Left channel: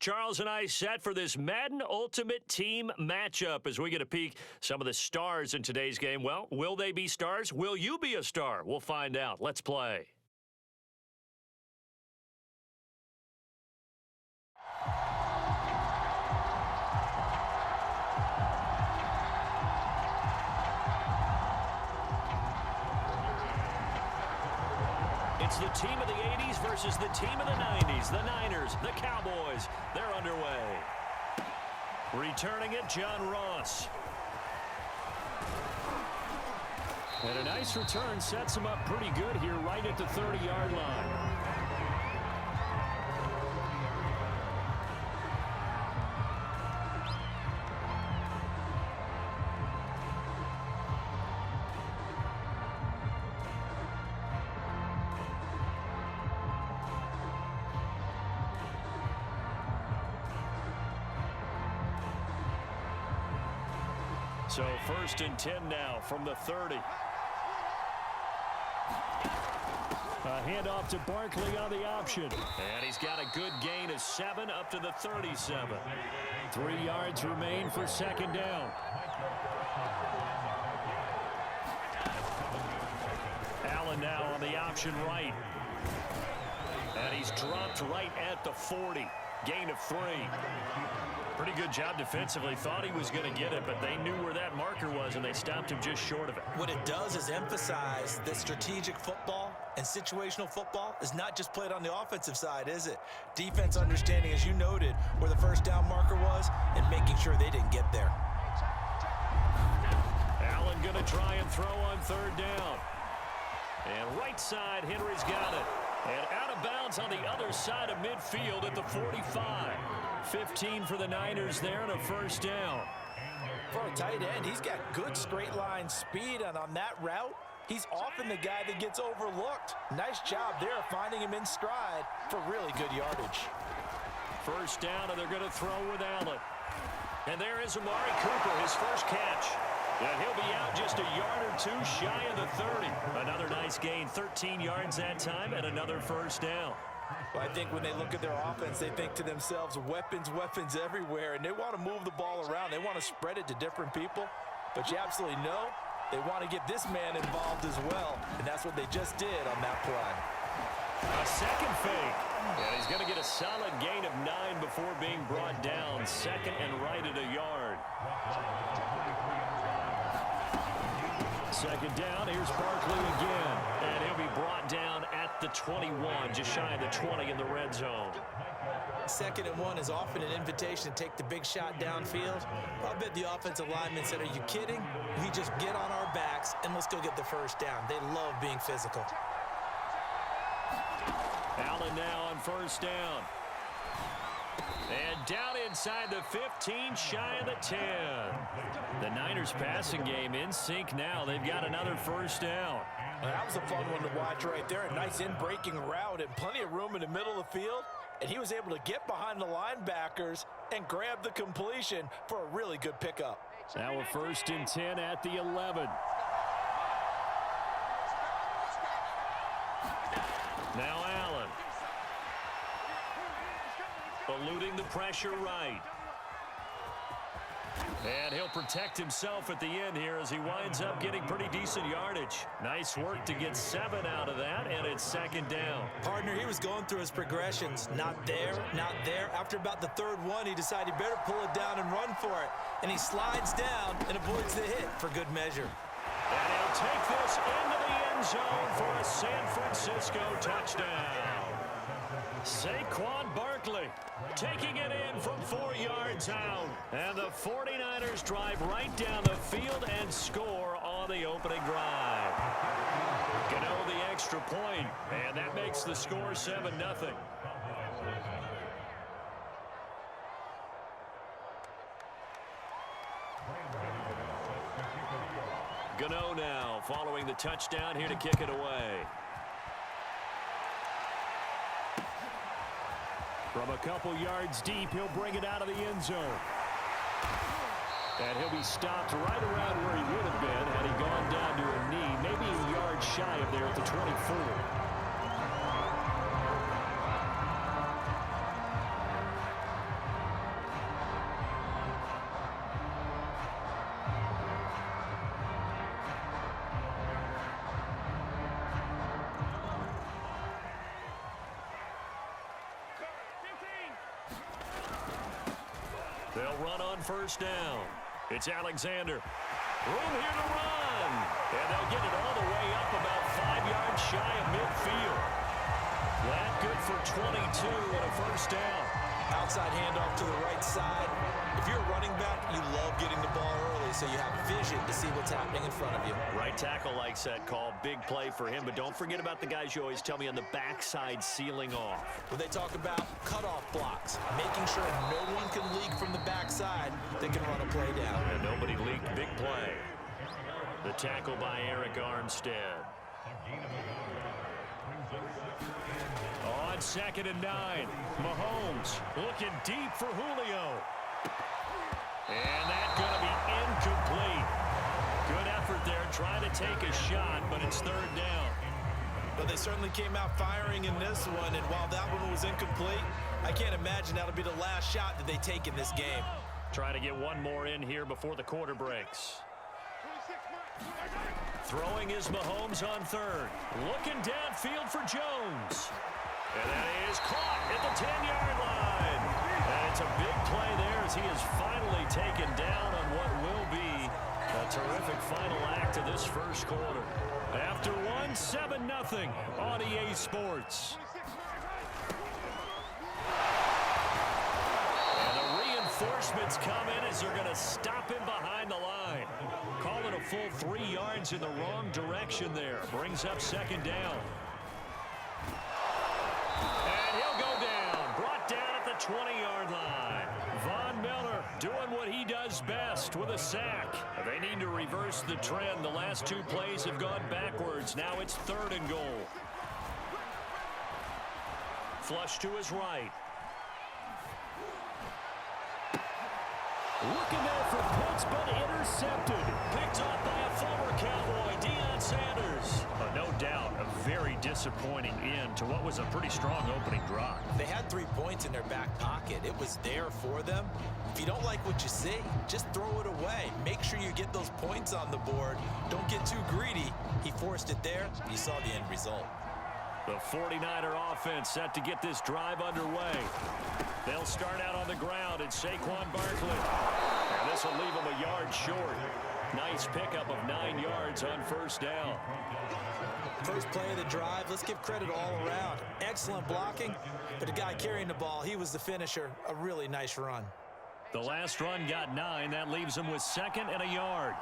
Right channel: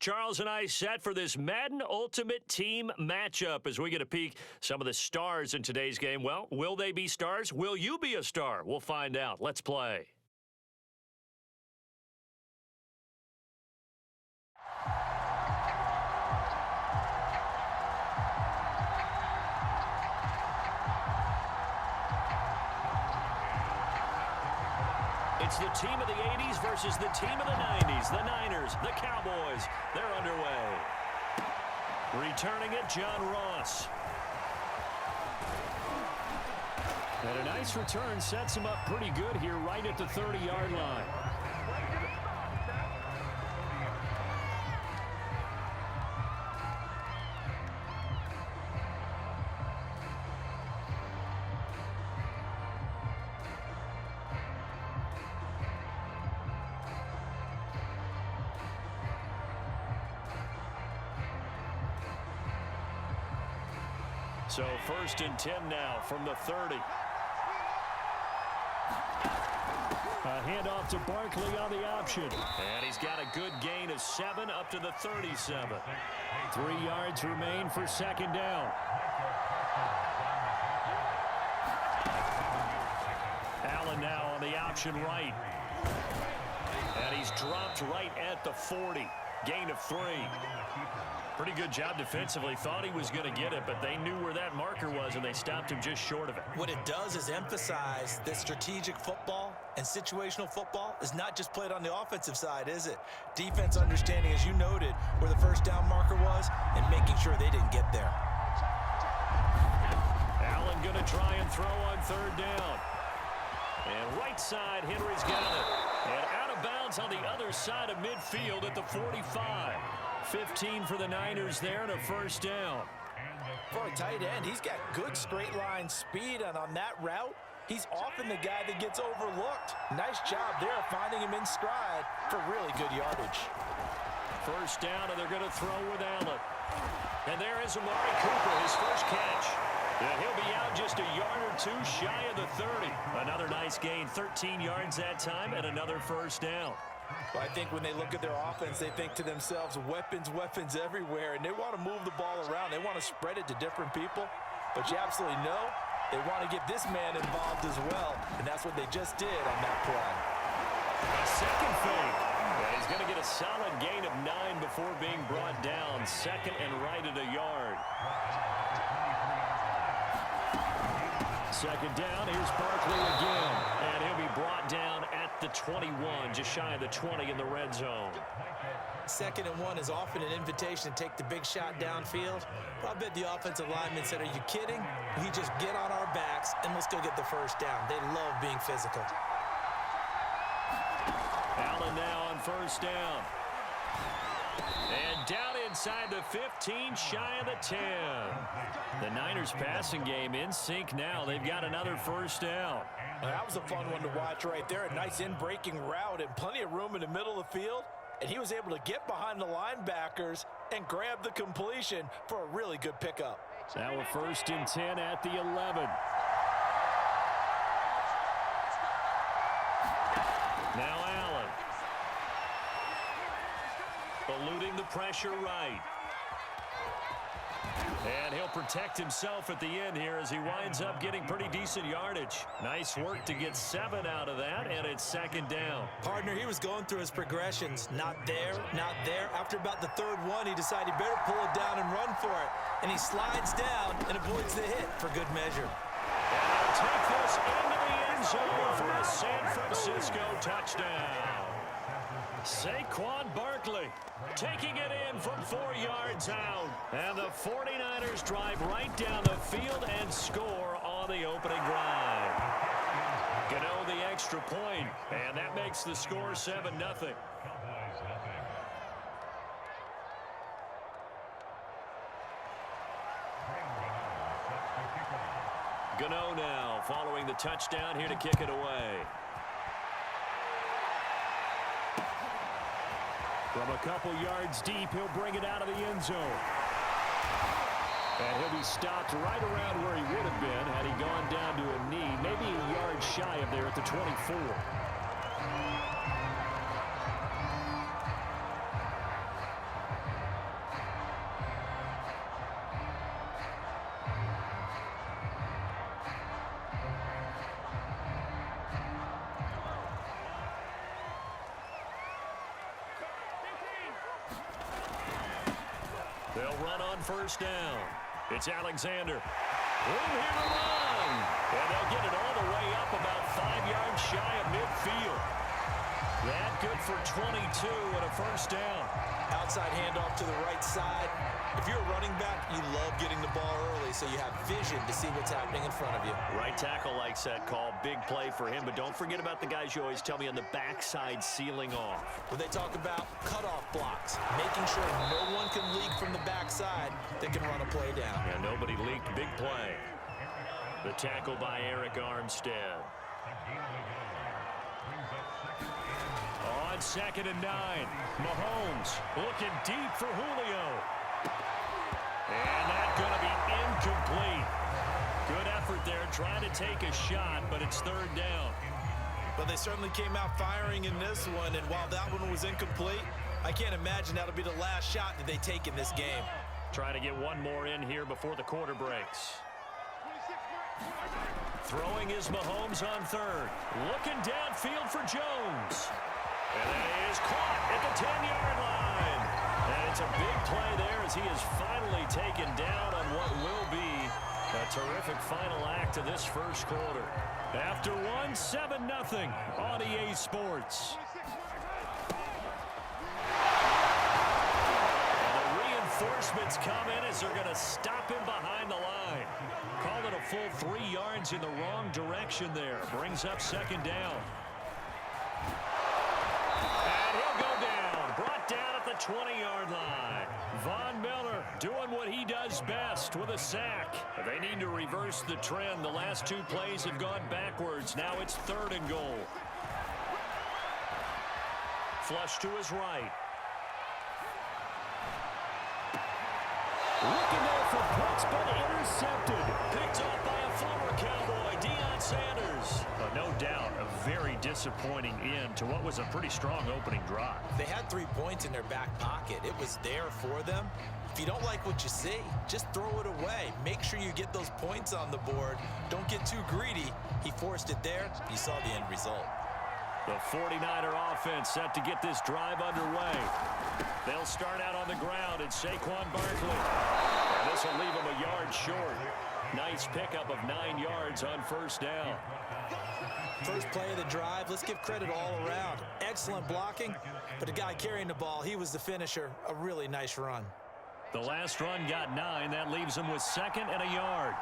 Charles and I set for this Madden Ultimate Team matchup as we get a peek some of the stars in today's game. Well, will they be stars? Will you be a star? We'll find out. Let's play. It's the team of the 80s versus the team of the 90s. The Niners, the Cowboys, they're underway. Returning it, John Ross. And a nice return sets him up pretty good here right at the 30-yard line. So 1st and 10 now from the 30. A handoff to Barkley on the option. And he's got a good gain of 7 up to the 37. 3 yards remain for 2nd down. Allen now on the option right. And he's dropped right at the 40. Gain of 3. Pretty good job defensively. Thought he was going to get it, but they knew where that marker was, and they stopped him just short of it. What it does is emphasize that strategic football and situational football is not just played on the offensive side, is it? Defense understanding, as you noted, where the 1st down marker was and making sure they didn't get there. Allen going to try and throw on 3rd down. And right side, Henry's got it. And out of bounds on the other side of midfield at the 45. 15 for the Niners there and a 1st down. For a tight end, he's got good straight line speed, and on that route, he's often the guy that gets overlooked. Nice job there of finding him in stride for really good yardage. 1st down, and they're going to throw with Allen. And there is Amari Cooper, his first catch. And he'll be out just a yard or 2 shy of the 30. Another nice gain, 13 yards that time, and another 1st down. Well, I think when they look at their offense, they think to themselves, weapons, weapons everywhere, and they want to move the ball around. They want to spread it to different people, but you absolutely know they want to get this man involved as well, and that's what they just did on that play. A second fake, and he's going to get a solid gain of 9 before being brought down. 2nd and right at a yard. 2nd down, here's Barkley again, and he'll be brought down at the 21, just shy of the 20 in the red zone. 2nd and 1 is often an invitation to take the big shot downfield. I bet the offensive lineman said, are you kidding? We just get on our backs and let's go get the 1st down. They love being physical. Allen now on 1st down. And down inside the 15, shy of the 10. The Niners passing game in sync now. They've got another 1st down. Well, that was a fun one to watch right there. A nice in-breaking route and plenty of room in the middle of the field. And he was able to get behind the linebackers and grab the completion for a really good pickup. Now a 1st and 10 at the 11. Now Allen. Eluding the pressure right. And he'll protect himself at the end here as he winds up getting pretty decent yardage. Nice work to get 7 out of that, and it's 2nd down. Partner, he was going through his progressions. Not there, not there. After about the 3rd one, he decided he better pull it down and run for it. And he slides down and avoids the hit for good measure. And he'll take this into the end zone for a San Francisco touchdown. Saquon Barkley taking it in from 4 yards out. And the 49ers drive right down the field and score on the opening drive. Gano the extra point, and that makes the score 7-0. Gano now following the touchdown here to kick it away. From a couple yards deep, he'll bring it out of the end zone. And he'll be stopped right around where he would have been had he gone down to a knee, maybe a yard shy of there at the 24. They'll run on first down. It's Alexander. Room here to run. And they'll get it all the way up about 5 yards shy of midfield. That good for 22 and a first down. Outside handoff to the right side. If you're a running back, you love getting the ball early so you have vision to see what's happening in front of you. Right tackle likes that call. Big play for him. But don't forget about the guys you always tell me on the backside sealing off. When they talk about cutoff blocks, making sure no one can leak from the backside that can run a play down. And nobody leaked. Big play. The tackle by Eric Armstead. On 2nd and 9, Mahomes looking deep for Julio. And that's going to be incomplete. Good effort there trying to take a shot, but it's 3rd down. But they certainly came out firing in this one, and while that one was incomplete, I can't imagine that'll be the last shot that they take in this game. Trying to get one more in here before the quarter breaks. Throwing is Mahomes on 3rd. Looking downfield for Jones. And that is caught at the 10-yard line. And it's a big play there as he is finally taken down on what will be a terrific final act of this first quarter. After one, 7-0 on EA Sports. And the reinforcements come in as they're going to stop him behind the line. Call it a full 3 yards in the wrong direction there. Brings up 2nd down. And he'll go down. Brought down at the 20-yard line. Von Miller doing what he does best with a sack. They need to reverse the trend. The last 2 plays have gone backwards. Now it's 3rd and goal. Flush to his right. Looking there for Pitts, but intercepted. Picked off by a former Cowboy, Deion Sanders. No doubt, a very disappointing end to what was a pretty strong opening drive. They had 3 points in their back pocket. It was there for them. If you don't like what you see, just throw it away. Make sure you get those points on the board. Don't get too greedy. He forced it there. You saw the end result. The 49er offense set to get this drive underway. They'll start out on the ground. It's Saquon Barkley. And this will leave him a yard short. Nice pickup of 9 yards on first down. First play of the drive. Let's give credit all around. Excellent blocking, but the guy carrying the ball, he was the finisher. A really nice run. The last run got 9. That leaves him with 2nd and a yard.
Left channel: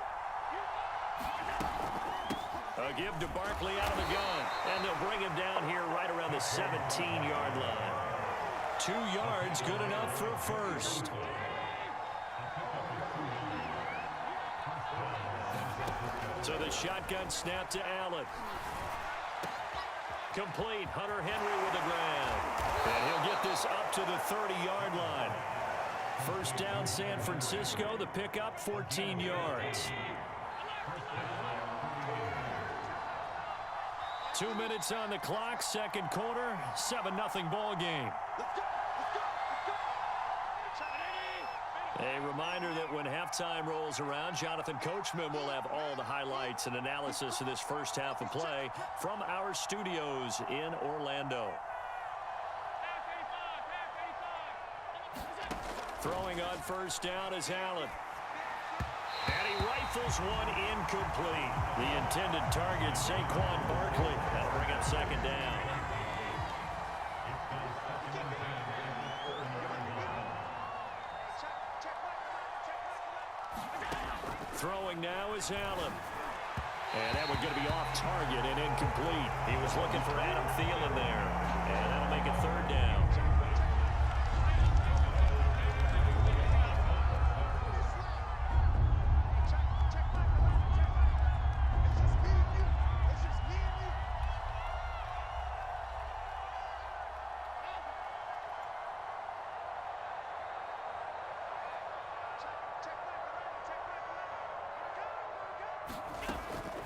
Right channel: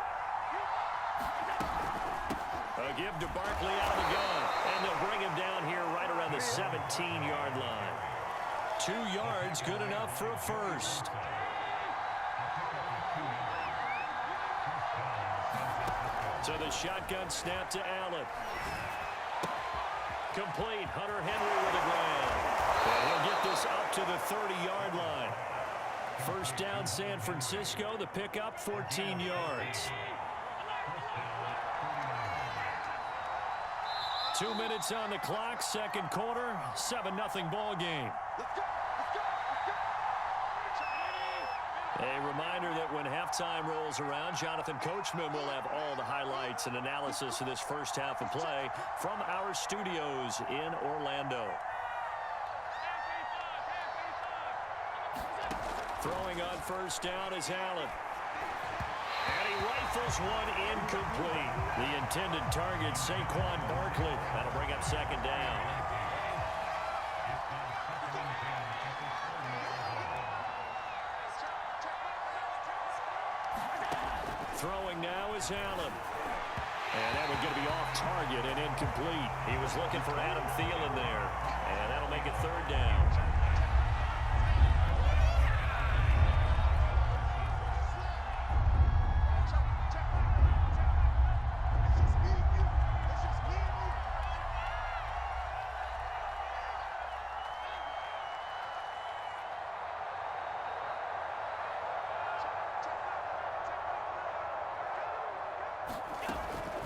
A give to Barkley out of the gun. And they'll bring him down here right around the 17-yard line. 2 yards, good enough for a first. So the shotgun snap to Allen. Complete. Hunter Henry with the ground. And he'll get this up to the 30-yard line. First down, San Francisco. The pickup, 14 yards. 2 minutes on the clock, 2nd quarter, 7-0 ball game. A reminder that when halftime rolls around, Jonathan Coachman will have all the highlights and analysis of this first half of play from our studios in Orlando. Throwing on first down is Allen. And he rifles one incomplete. The intended target, Saquon Barkley. That'll bring up 2nd down. Throwing now is Allen. And that one's going to be off target and incomplete. He was looking for Adam Thielen there. And that'll make it 3rd down.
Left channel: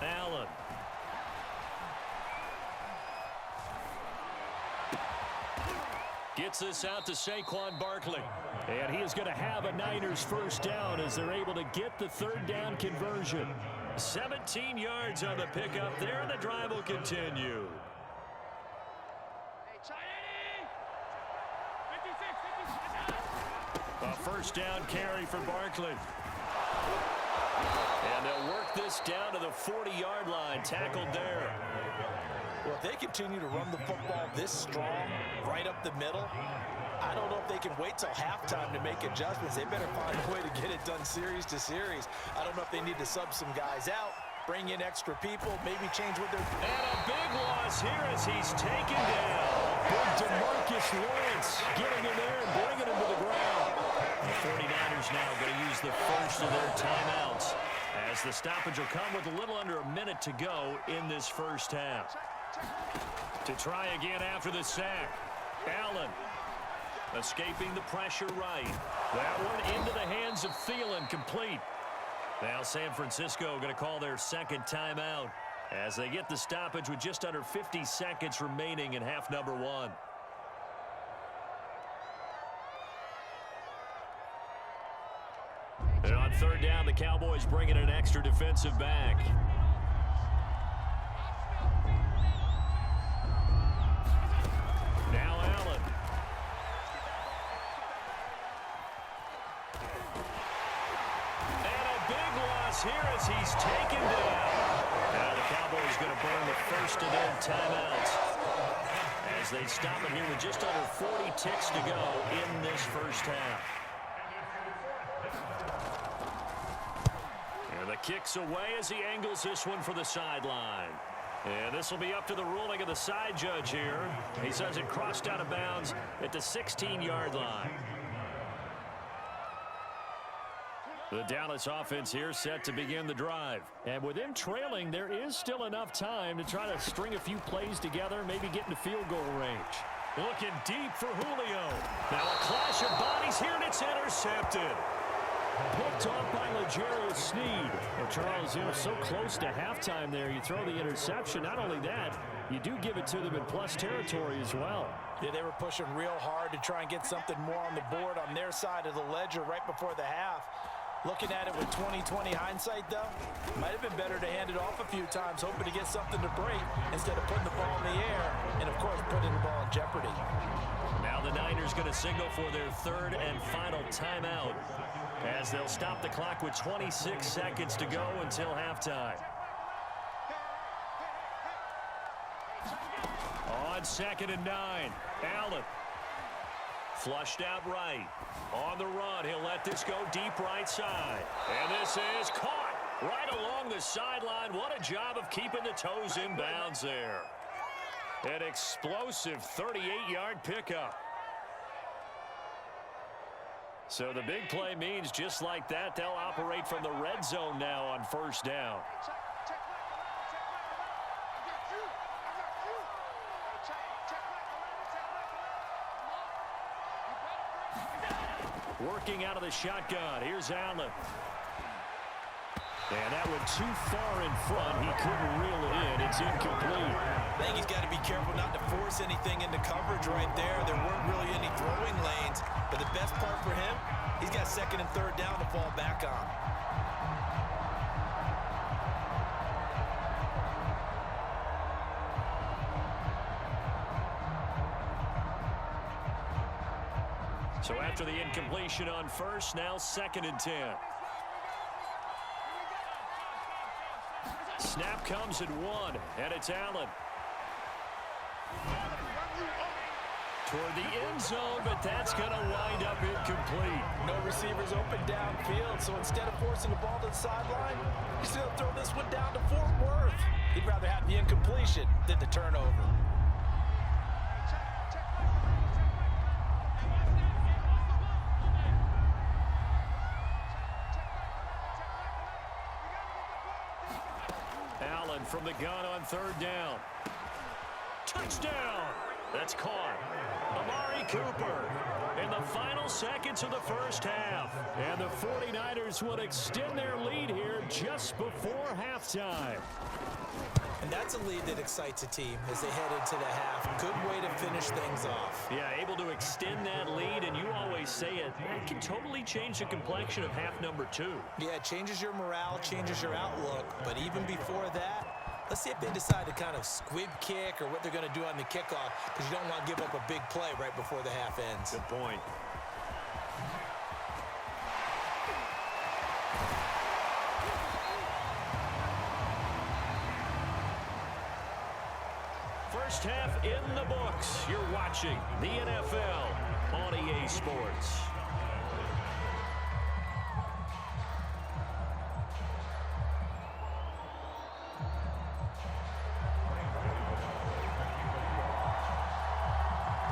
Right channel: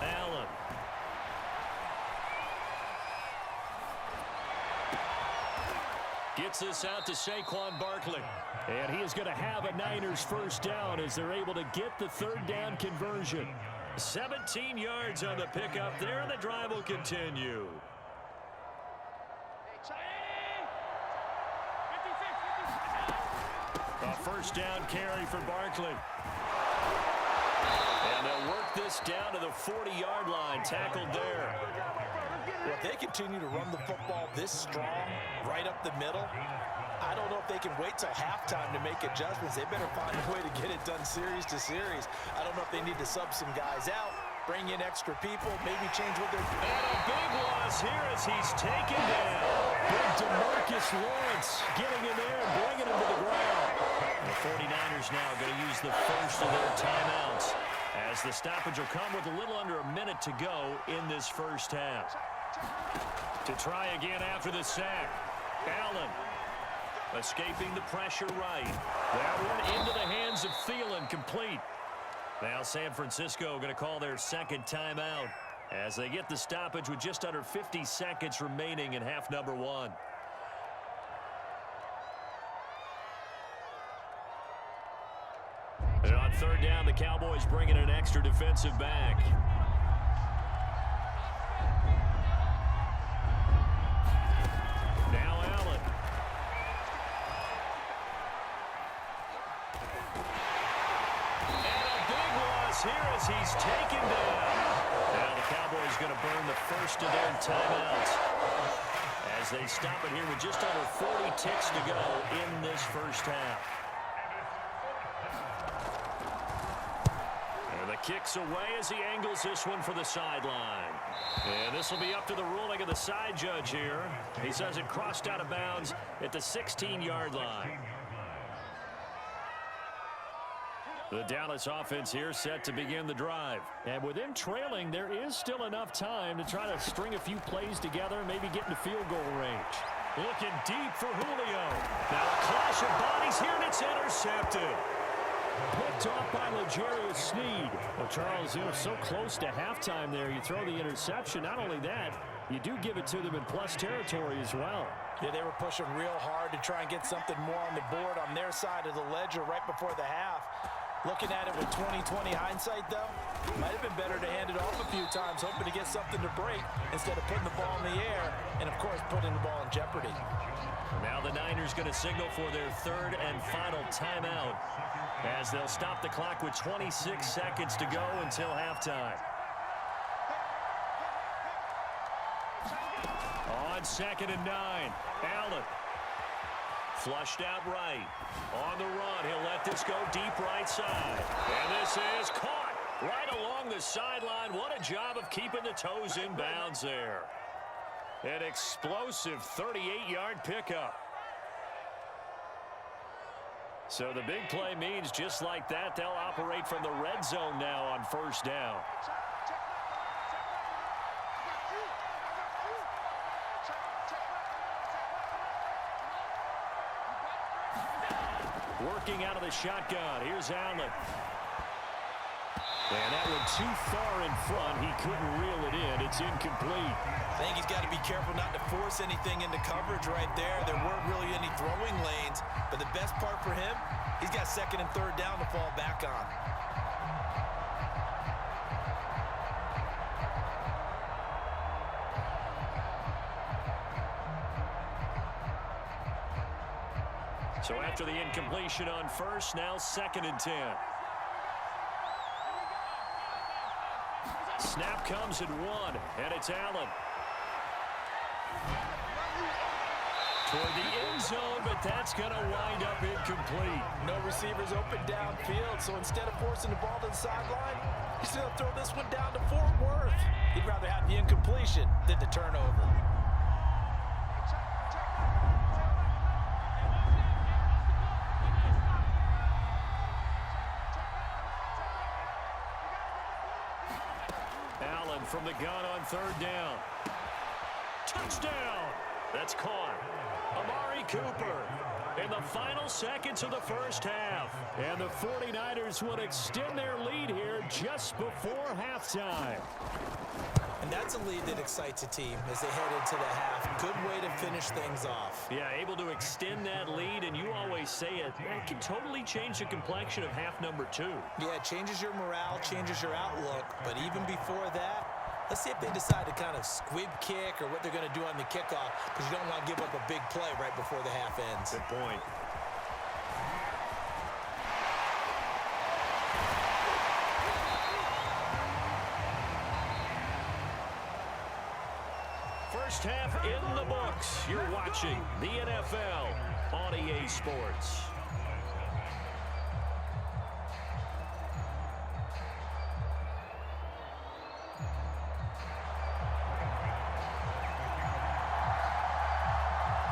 Allen. Gets this out to Saquon Barkley. And he is going to have a Niners first down as they're able to get the 3rd down conversion. 17 yards on the pickup there, and the drive will continue. A first down carry for Barkley. And they'll work this down to the 40-yard line, tackled there. Well, if they continue to run the football this strong, right up the middle, I don't know if they can wait till halftime to make adjustments. They better find a way to get it done series to series. I don't know if they need to sub some guys out, bring in extra people, maybe change what they're doing. And a big loss here as he's taken down. Big DeMarcus Lawrence getting in there and bringing him to the ground. The 49ers now going to use the first of their timeouts, as the stoppage will come with a little under a minute to go in this first half. To try again after the sack, Allen escaping the pressure right. That one into the hands of Thielen, complete. Now San Francisco going to call their second timeout as they get the stoppage with just under 50 seconds remaining in half number one. And on third down, the Cowboys bring in an extra defensive back. Now Allen. And a big loss here as he's taken down. Now the Cowboys going to burn the first of their timeouts as they stop it here with just under 40 ticks to go in this first half. And the kick's away as he angles this one for the sideline. And this will be up to the ruling of the side judge here. He says it crossed out of bounds at the 16-yard line. The Dallas offense here set to begin the drive. And with them trailing, there is still enough time to try to string a few plays together, maybe get into field goal range. Looking deep for Julio. Now a clash of bodies here, and it's intercepted. Picked off by L'Jarius Sneed. Well, Charles, you know, so close to halftime there. You throw the interception. Not only that, you do give it to them in plus territory as well. Yeah, they were pushing real hard to try and get something more on the board on their side of the ledger right before the half. Looking at it with 20/20 hindsight, though, might have been better to hand it off a few times, hoping to get something to break instead of putting the ball in the air and, of course, putting the ball in jeopardy. Now the Niners going to signal for their third and final timeout, as they'll stop the clock with 26 seconds to go until halftime. On 2nd and 9, Allen. Flushed out right. On the run, he'll let this go deep right side. And this is caught right along the sideline. What a job of keeping the toes in bounds there. An explosive 38-yard pickup. So the big play means just like that, they'll operate from the red zone now on first down. Working out of the shotgun. Here's Allen. And that went too far in front. He couldn't reel it in. It's incomplete. I think he's got to be careful not to force anything into coverage right there. There weren't really any throwing lanes. But the best part for him, he's got 2nd and 3rd down to fall back on. So after the incompletion on first, now 2nd and 10. Snap comes at 1, and it's Allen. Toward the end zone, but that's going to wind up incomplete. No receivers open downfield, so instead of forcing the ball to the sideline, he's going to throw this one down to Fort Worth. He'd rather have the incompletion than the turnover. Allen from the gun on 3rd down. Touchdown! That's caught. Amari Cooper in the final seconds of the first half. And the 49ers would extend their lead here just before halftime. And that's a lead that excites a team as they head into the half. Good way to finish things off. Yeah, able to extend that lead, and you always say it, that can totally change the complexion of half number 2. Yeah, it changes your morale, changes your outlook. But even before that, let's see if they decide to kind of squib kick or what they're going to do on the kickoff, because you don't want to give up a big play right before the half ends. Good point. First half in the books. You're watching the NFL on EA Sports.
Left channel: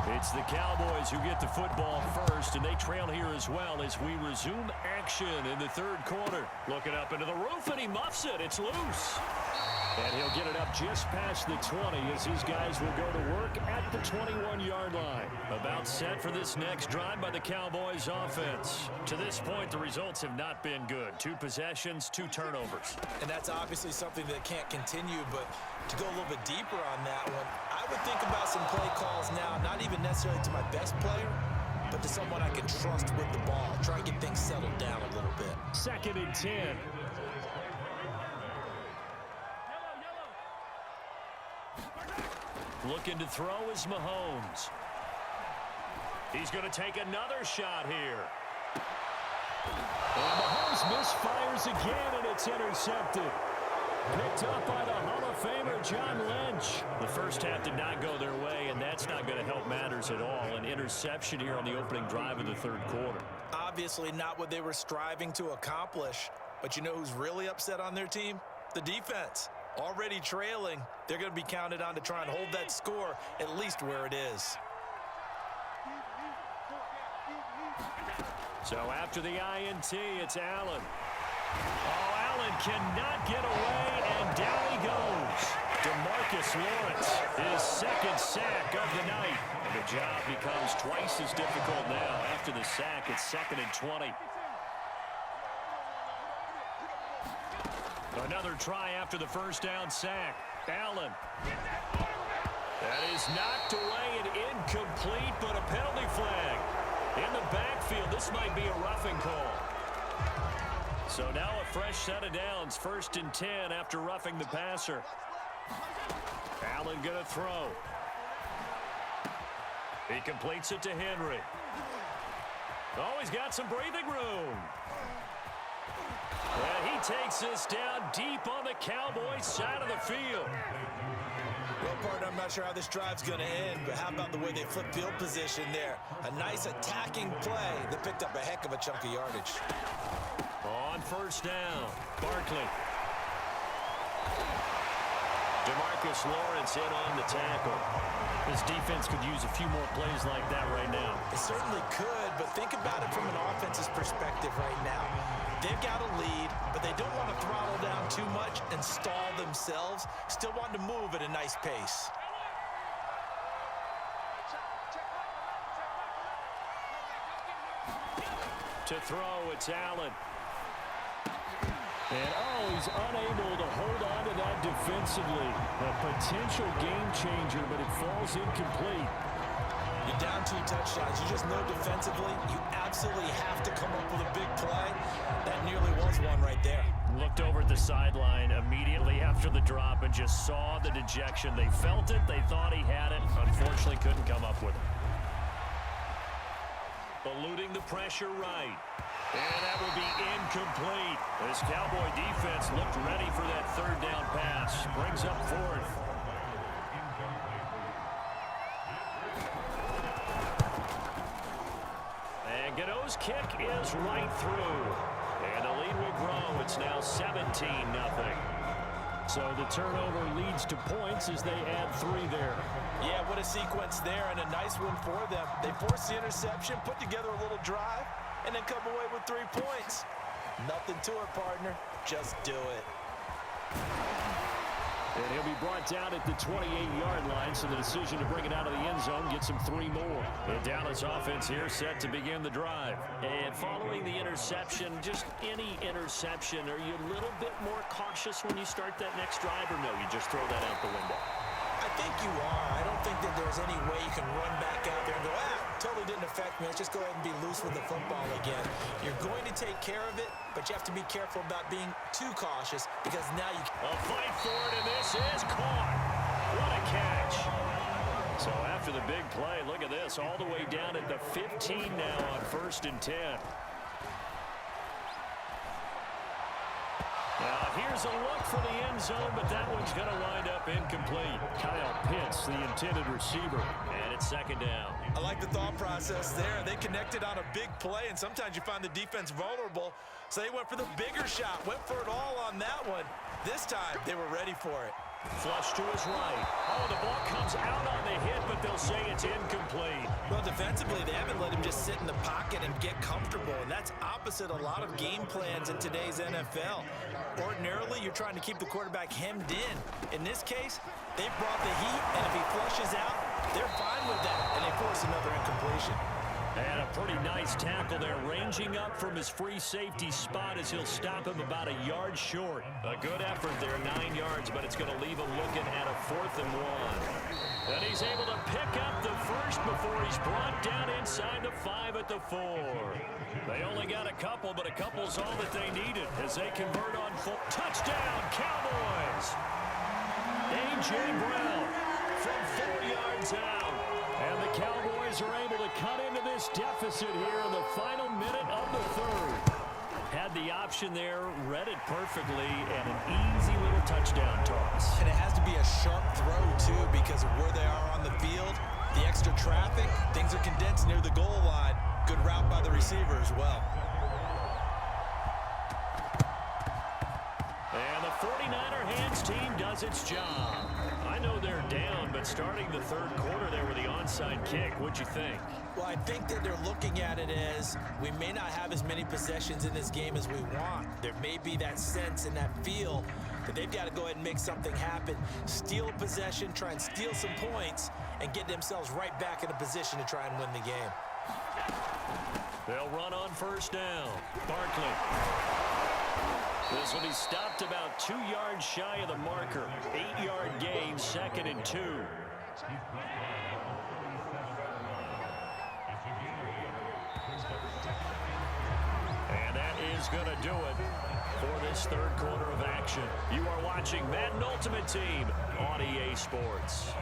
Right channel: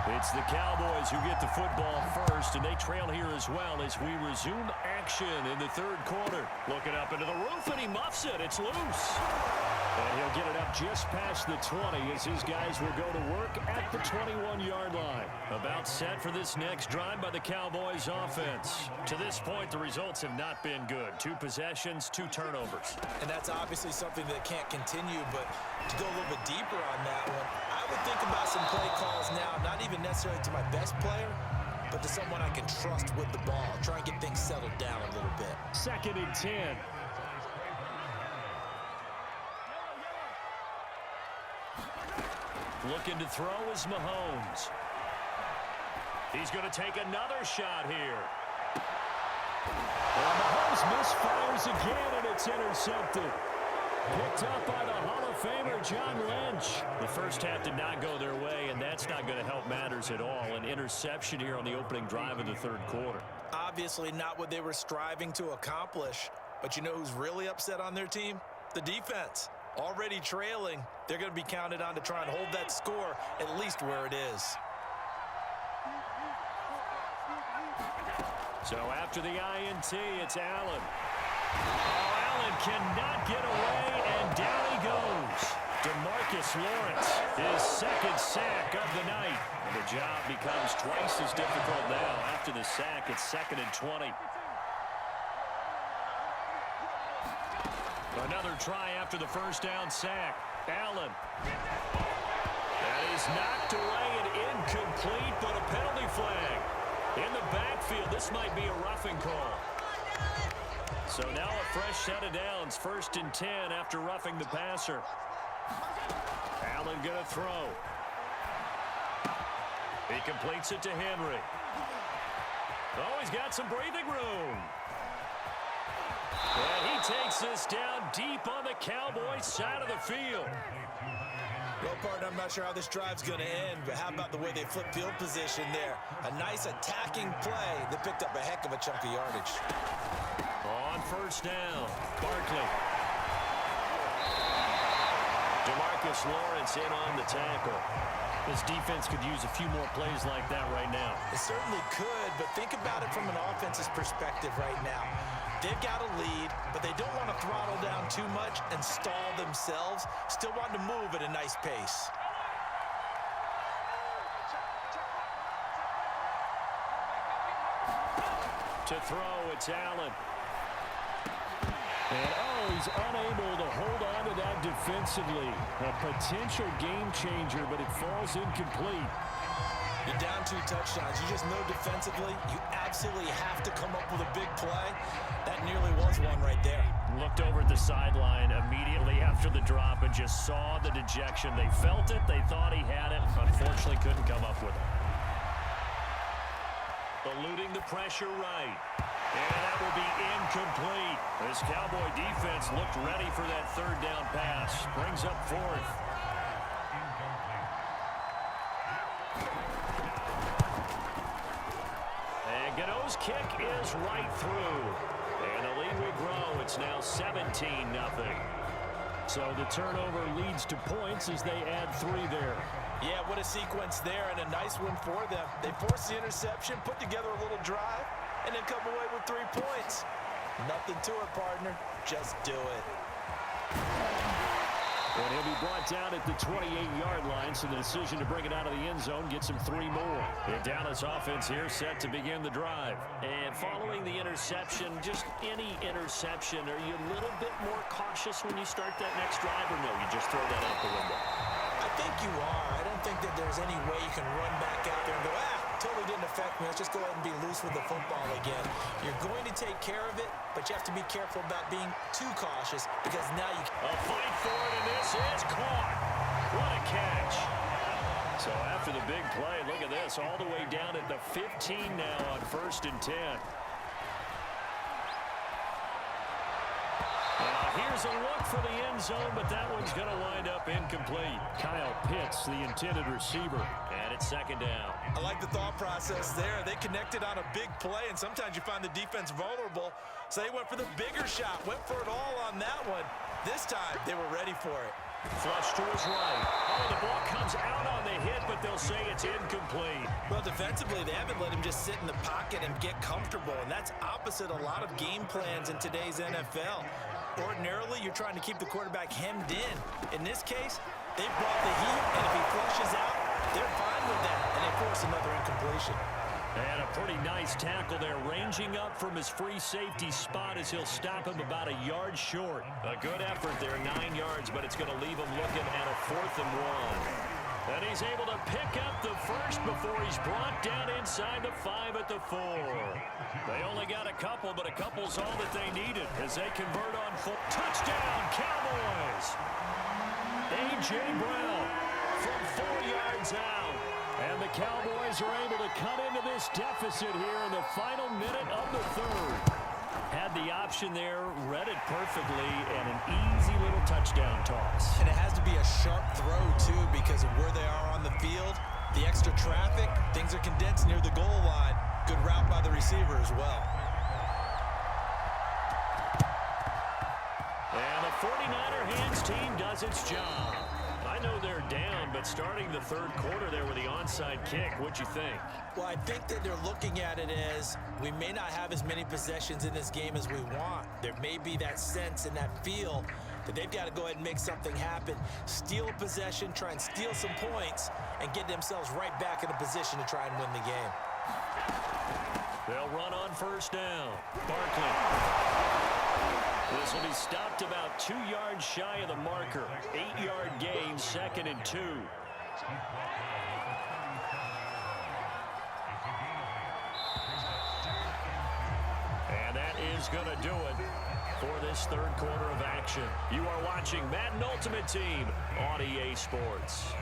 It's the Cowboys who get the football first, and they trail here as well as we resume action in the third quarter. Looking up into the roof, and he muffs it. It's loose. And he'll get it up just past the 20 as his guys will go to work at the 21-yard line. About set for this next drive by the Cowboys offense. To this point, the results have not been good. 2 possessions, 2 turnovers. And that's obviously something that can't continue, but to go a little bit deeper on that one, I would think about some play calls now, not even necessarily to my best player, but to someone I can trust with the ball. Try and get things settled down a little bit. 2nd and 10. Looking to throw is Mahomes. He's going to take another shot here. And Mahomes misfires again, and it's intercepted. Picked up by the Hall of Famer, John Lynch. The first half did not go their way, and that's not going to help matters at all. An interception here on the opening drive of the third quarter. Obviously not what they were striving to accomplish, but you know who's really upset on their team? The defense. Already trailing, they're going to be counted on to try and hold that score at least where it is. So after the INT, it's Allen. Oh, Allen cannot get away, and down he goes. DeMarcus Lawrence, his 2nd sack of the night. And the job becomes twice as difficult now. After the sack, it's 2nd and 20. Another try after the first down sack. Allen. That is knocked away and incomplete, but a penalty flag. In the backfield, this might be a roughing call. So now a fresh set of downs. 1st and 10 after roughing the passer. Allen going to throw. He completes it to Henry. Oh, he's got some breathing room. And he takes this down deep on the Cowboys side of the field. Well, partner, I'm not sure how this drive's going to end, but how about the way they flip field position there? A nice attacking play that picked up a heck of a chunk of yardage. On 1st down, Barkley. DeMarcus Lawrence in on the tackle. This defense could use a few more plays like that right now. It certainly could, but think about it from an offense's perspective right now. They've got a lead, but they don't want to throttle down too much and stall themselves. Still want to move at a nice pace. To throw, it's Allen. And, oh, he's unable to hold on to that defensively. A potential game changer, but it falls incomplete. You're down 2 touchdowns. You just know defensively you absolutely have to come up with a big play. That nearly was one right there. Looked over at the sideline immediately after the drop and just saw the dejection. They felt it. They thought he had it. Unfortunately, couldn't come up with it. Eluding the pressure right. And that will be incomplete. This Cowboy defense looked ready for that 3rd down pass. Brings up 4th. And Gano's kick is right through. And the lead will grow. It's now 17-0. So the turnover leads to points as they add 3 there. Yeah, what a sequence there, and a nice one for them. They force the interception, put together a little drive, and then come away with 3 points. Nothing to it, partner. Just do it. And he'll be brought down at the 28-yard line, so the decision to bring it out of the end zone gets him 3 more. The Dallas offense here set to begin the drive. And following the interception, just any interception, are you a little bit more cautious when you start that next drive, or no, you just throw that out the window? I think you are. I don't think that there's any way you can run back out there and go, totally didn't affect me. Let's just go ahead and be loose with the football again. You're going to take care of it, but you have to be careful about being too cautious because now you can. A fight for it, and this is caught. What a catch. So after the big play, look at this, all the way down at the 15 now on 1st and 10. Now here's a look for the end zone, but that one's going to wind up incomplete. Kyle Pitts, the intended receiver, and it's second down. I like the thought process there. They connected on a big play, and sometimes you find the defense vulnerable, so they went for the bigger shot, went for it all on that one. This time, they were ready for it. Flush to his right. Oh, the ball comes out on the hit, but they'll say it's incomplete. Well, defensively, they haven't let him just sit in the pocket and get comfortable, and that's opposite a lot of game plans in today's NFL. Ordinarily, you're trying to keep the quarterback hemmed in. In this case, they brought the heat, and if he flushes out, they're fine with that, and they force another incompletion. And a pretty nice tackle there, ranging up from his free safety spot as he'll stop him about a yard short. A good effort there, 9 yards, but it's going to leave him looking at a 4th and 1. And he's able to pick up the first before he's brought down inside the 5 at the 4. They only got a couple, but a couple's all that they needed as they convert on full. Touchdown, Cowboys! A.J. Brown from 4 yards out. And the Cowboys are able to cut into this deficit here in the final minute of the 3rd. Had the option there, read it perfectly, and an easy little touchdown toss. And it has to be a sharp throw, too, because of where they are on the field, the extra traffic, things are condensed near the goal line. Good route by the receiver as well. And the 49er hands team does its job. I know they're down, but starting the 3rd quarter there with the onside kick, what'd you think? Well, I think that they're looking at it as we may not have as many possessions in this game as we want. There may be that sense and that feel that they've got to go ahead and make something happen, steal a possession, try and steal some points, and get themselves right back in a position to try and win the game. They'll run on 1st down. Barkley. This will be stopped about 2 yards shy of the marker. 8-yard gain, 2nd and 2. And that is going to do it for this 3rd quarter of action. You are watching Madden Ultimate Team on EA Sports.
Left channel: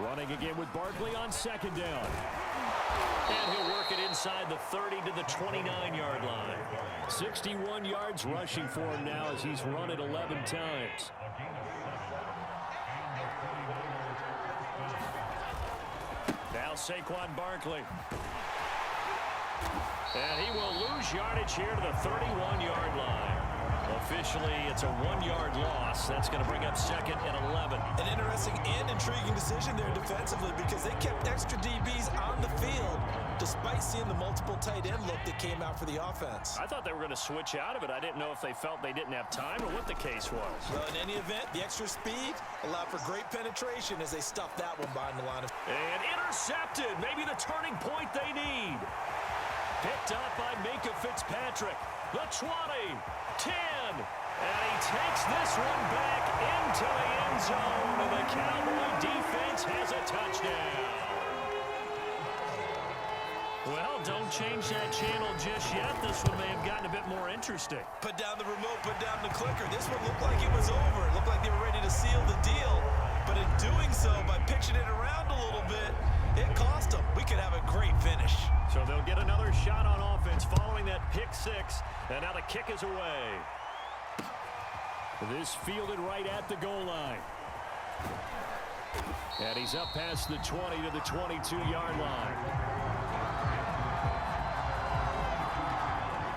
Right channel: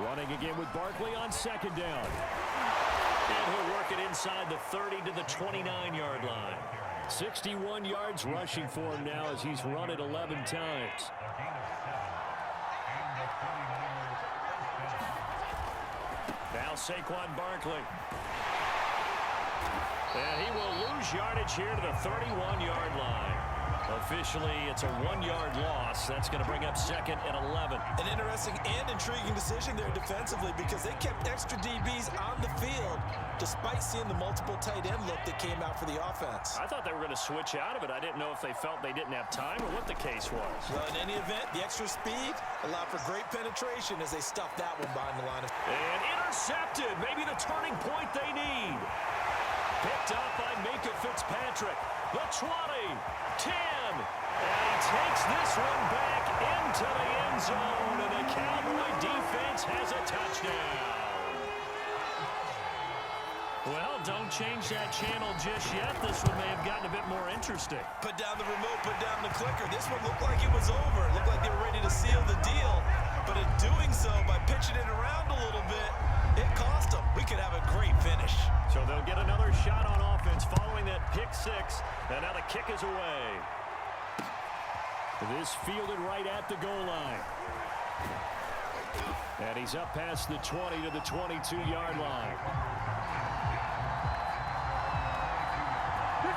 Running again with Barkley on 2nd down. And he'll work it inside the 30 to the 29-yard line. 61 yards rushing for him now as he's run it 11 times. Now Saquon Barkley. And he will lose yardage here to the 31-yard line. Officially, it's a 1-yard loss. That's going to bring up 2nd and 11. An interesting and intriguing decision there defensively because they kept extra DBs on the field despite seeing the multiple tight end look that came out for the offense. I thought they were going to switch out of it. I didn't know if they felt they didn't have time or what the case was. Well, in any event, the extra speed allowed for great penetration as they stuffed that one behind the line of... And intercepted. Maybe the turning point they need. Picked up by Minkah Fitzpatrick. The 20, 10, and he takes this one back into the end zone, and the Cowboy defense has a touchdown. Well, don't change that channel just yet. This one may have gotten a bit more interesting. Put down the remote, put down the clicker. This one looked like it was over. It looked like they were ready to seal the deal. But in doing so, by pitching it around a little bit, it cost them. We could have a great finish. So they'll get another shot on offense following that pick 6. And now the kick is away. This fielded right at the goal line. And he's up past the 20 to the 22-yard line.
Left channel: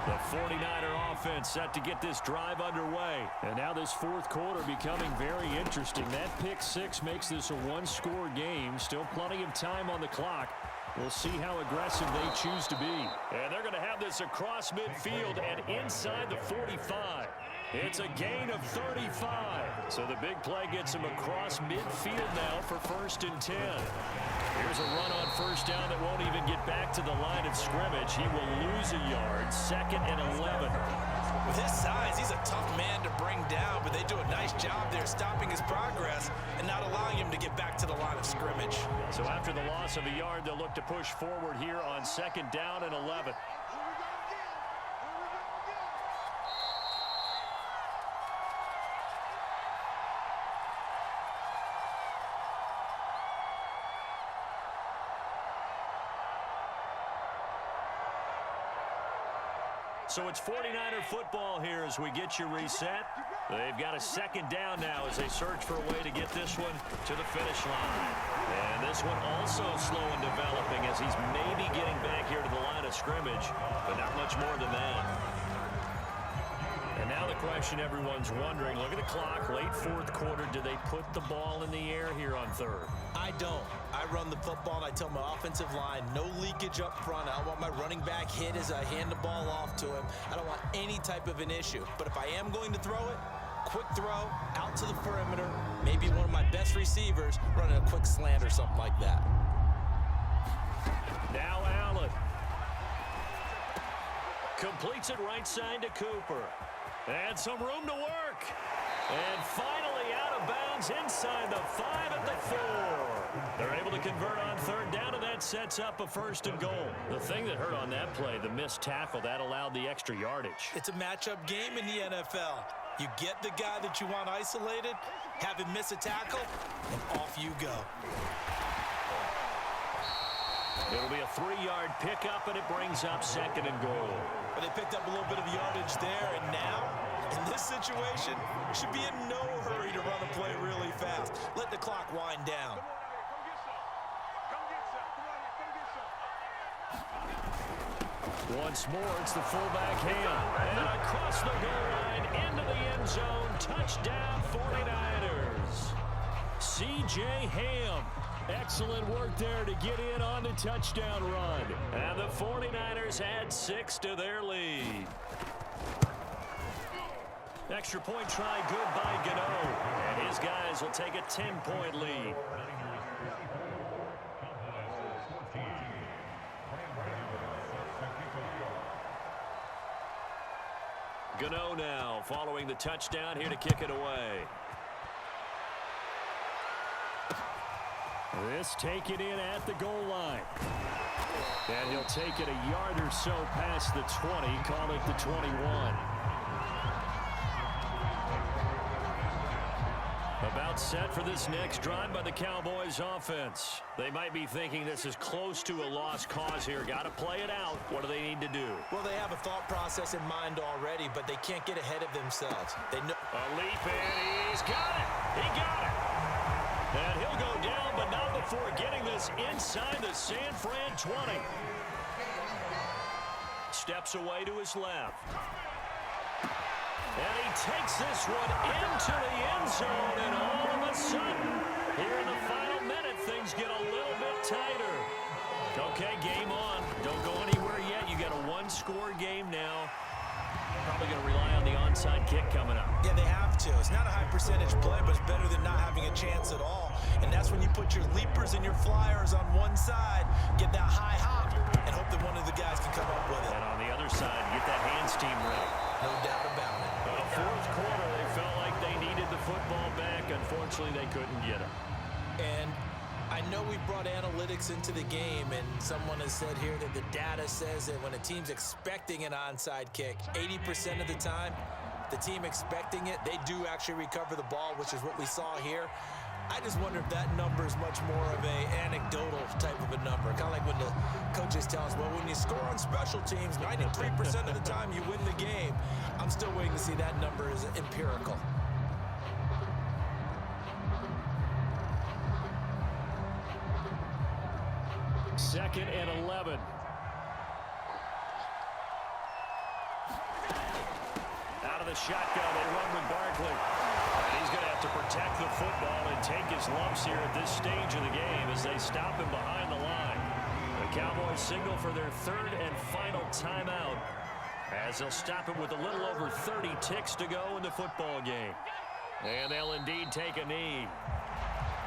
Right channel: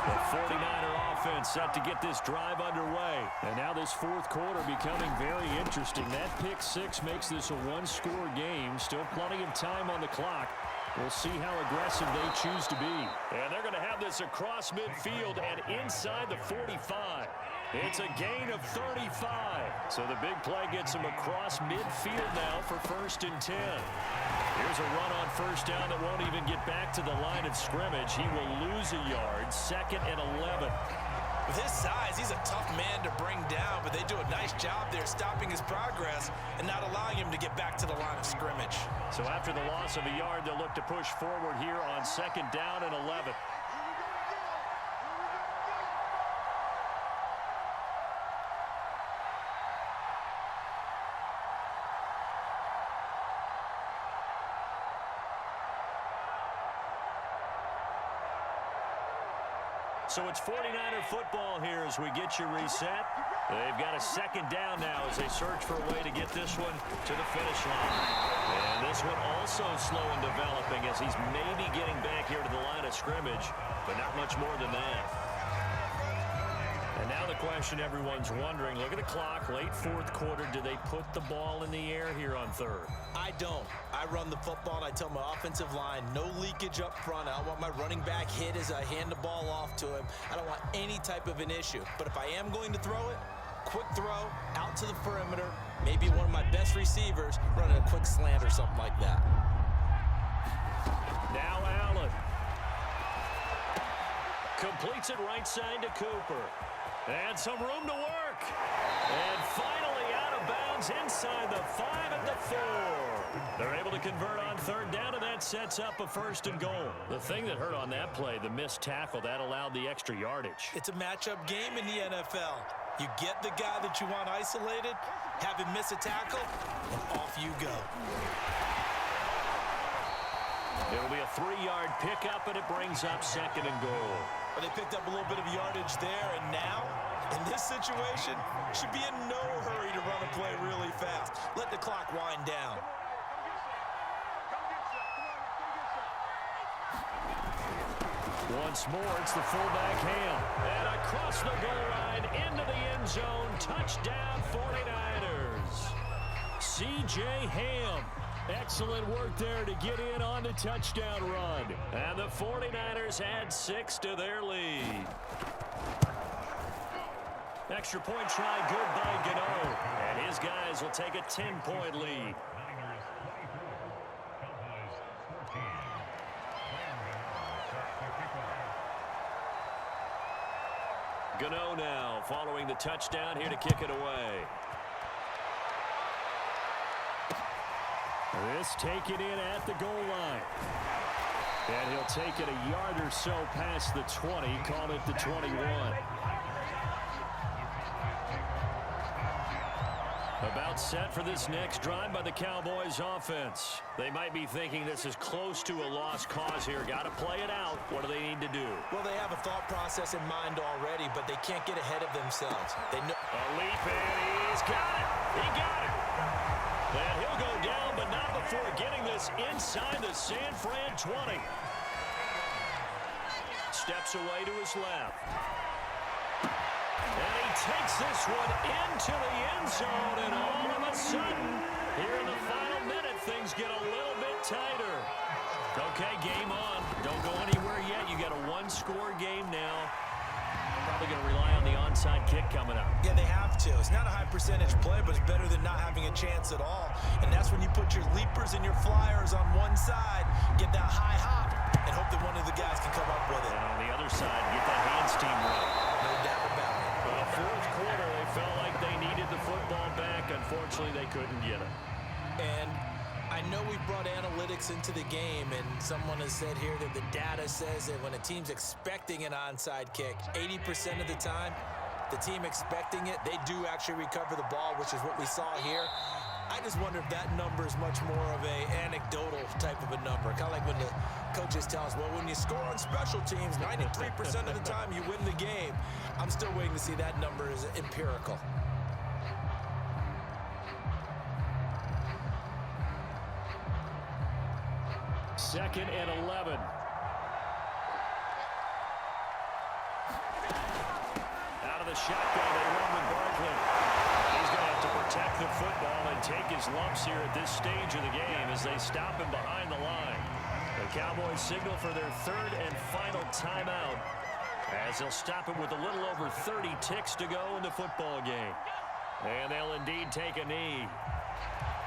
The 49er offense set to get this drive underway. And now this 4th quarter becoming very interesting. That pick 6 makes this a 1-score game. Still plenty of time on the clock. We'll see how aggressive they choose to be. And they're going to have this across midfield and inside the 45. It's a gain of 35. So the big play gets him across midfield now for 1st and 10. Here's a run on 1st down that won't even get back to the line of scrimmage. He will lose a yard, 2nd and 11. With his size, he's a tough man to bring down, but they do a nice job there stopping his progress and not allowing him to get back to the line of scrimmage. So after the loss of a yard, they'll look to push forward here on 2nd down and 11. So it's 49er football here as we get you reset. They've got a second down now as they search for a way to get this one to the finish line. And this one also slow in developing as he's maybe getting back here to the line of scrimmage, but not much more than that. And now the question everyone's wondering, look at the clock, late fourth quarter, do they put the ball in the air here on third? I don't. I run the football and I tell my offensive line, no leakage up front. I don't want my running back hit as I hand the ball off to him. I don't want any type of an issue. But if I am going to throw it, quick throw, out to the perimeter, maybe one of my best receivers running a quick slant or something like that. Now Allen. Completes it right side to Cooper. And some room to work. And finally out of bounds inside the 5 at the 4. They're able to convert on third down, and that sets up a 1st and goal. The thing that hurt on that play, the missed tackle, that allowed the extra yardage. It's a matchup game in the NFL. You get the guy that you want isolated, have him miss a tackle, and off you go. It'll be a 3-yard pickup, and it brings up 2nd and goal. But they picked up a little bit of yardage there, and now, in this situation, should be in no hurry to run a play really fast. Let the clock wind down. Once more, it's the fullback Ham. And across the goal line, into the end zone, touchdown 49ers. C.J. Ham. Excellent work there to get in on the touchdown run. And the 49ers add 6 to their lead. Extra point try good by Gano. And his guys will take a 10-point lead. Gano now following the touchdown here to kick it away. This taken in at the goal line. And he'll take it a yard or so past the 20, call it the 21. About set for this next drive by the Cowboys offense. They might be thinking this is close to a lost cause here. Got to play it out. What do they need to do? Well, they have a thought process in mind already, but they can't get ahead of themselves. They know. A leap, and he's got it. He got it. And he'll go down, but not before getting this inside the San Fran 20. Steps away to his left. And he takes this one into the end zone, and all of a sudden, here in the final minute, things get a little bit tighter. Okay, game on. Don't go anywhere yet. You got a one-score game now. Probably going to rely on the onside kick coming up. Yeah, they have to. It's not a high-percentage play, but it's better than not having a chance at all. And that's when you put your leapers and your flyers on one side, get that high hop, and hope that one of the guys can come up with it. And on the other side, get that hands team ready. No doubt about it. Fourth quarter, they felt like they needed the football back. Unfortunately, they couldn't get it. And I know we brought analytics into the game, and someone has said here that the data says that when a team's expecting an onside kick, 80% of the time, the team expecting it, they do actually recover the ball, which is what we saw here. I just wonder if that number is much more of a anecdotal type of a number. Kind of like when the coaches tell us, well, when you score on special teams, 93% of the time you win the game. I'm still waiting to see that number is empirical. Second and 11. Out of the shotgun, they run with Barkley. And he's going to have to protect the football and take his lumps here at this stage of the game as they stop him behind the line. The Cowboys signal for their third and final timeout as they'll stop it with a little over 30 ticks to go in the football game. And they'll indeed take a knee.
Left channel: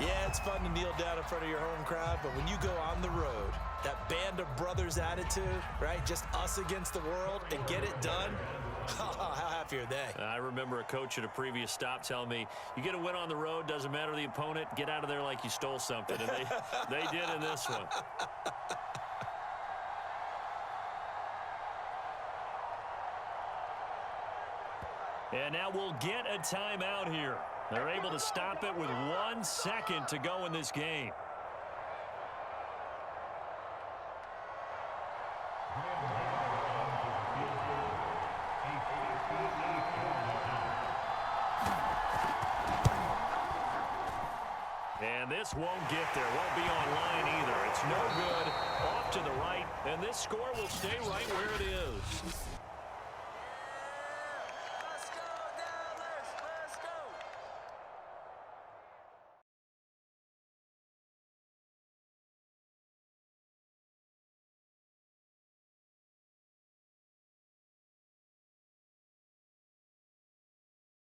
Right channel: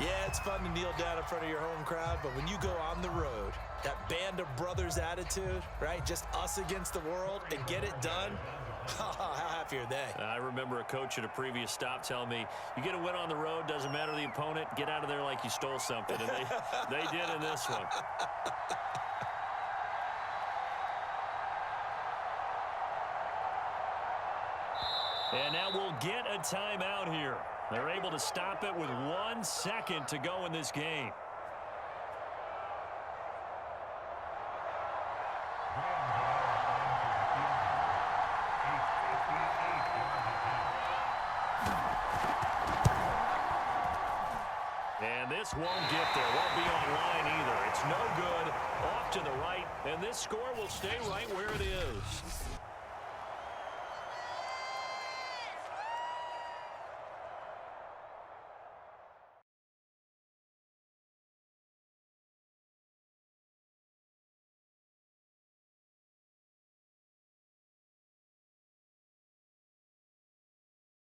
Yeah, it's fun to kneel down in front of your home crowd, but when you go on the road, that band of brothers attitude, right? Just us against the world and get it done. How happy are they? I remember a coach at a previous stop telling me, you get a win on the road, doesn't matter the opponent, get out of there like you stole something. And they did in this one. And now we'll get a timeout here. They're able to stop it with 1 second to go in this game. this won't get there. Won't be online either. It's no good. Off to the right, and this score will stay right where it is.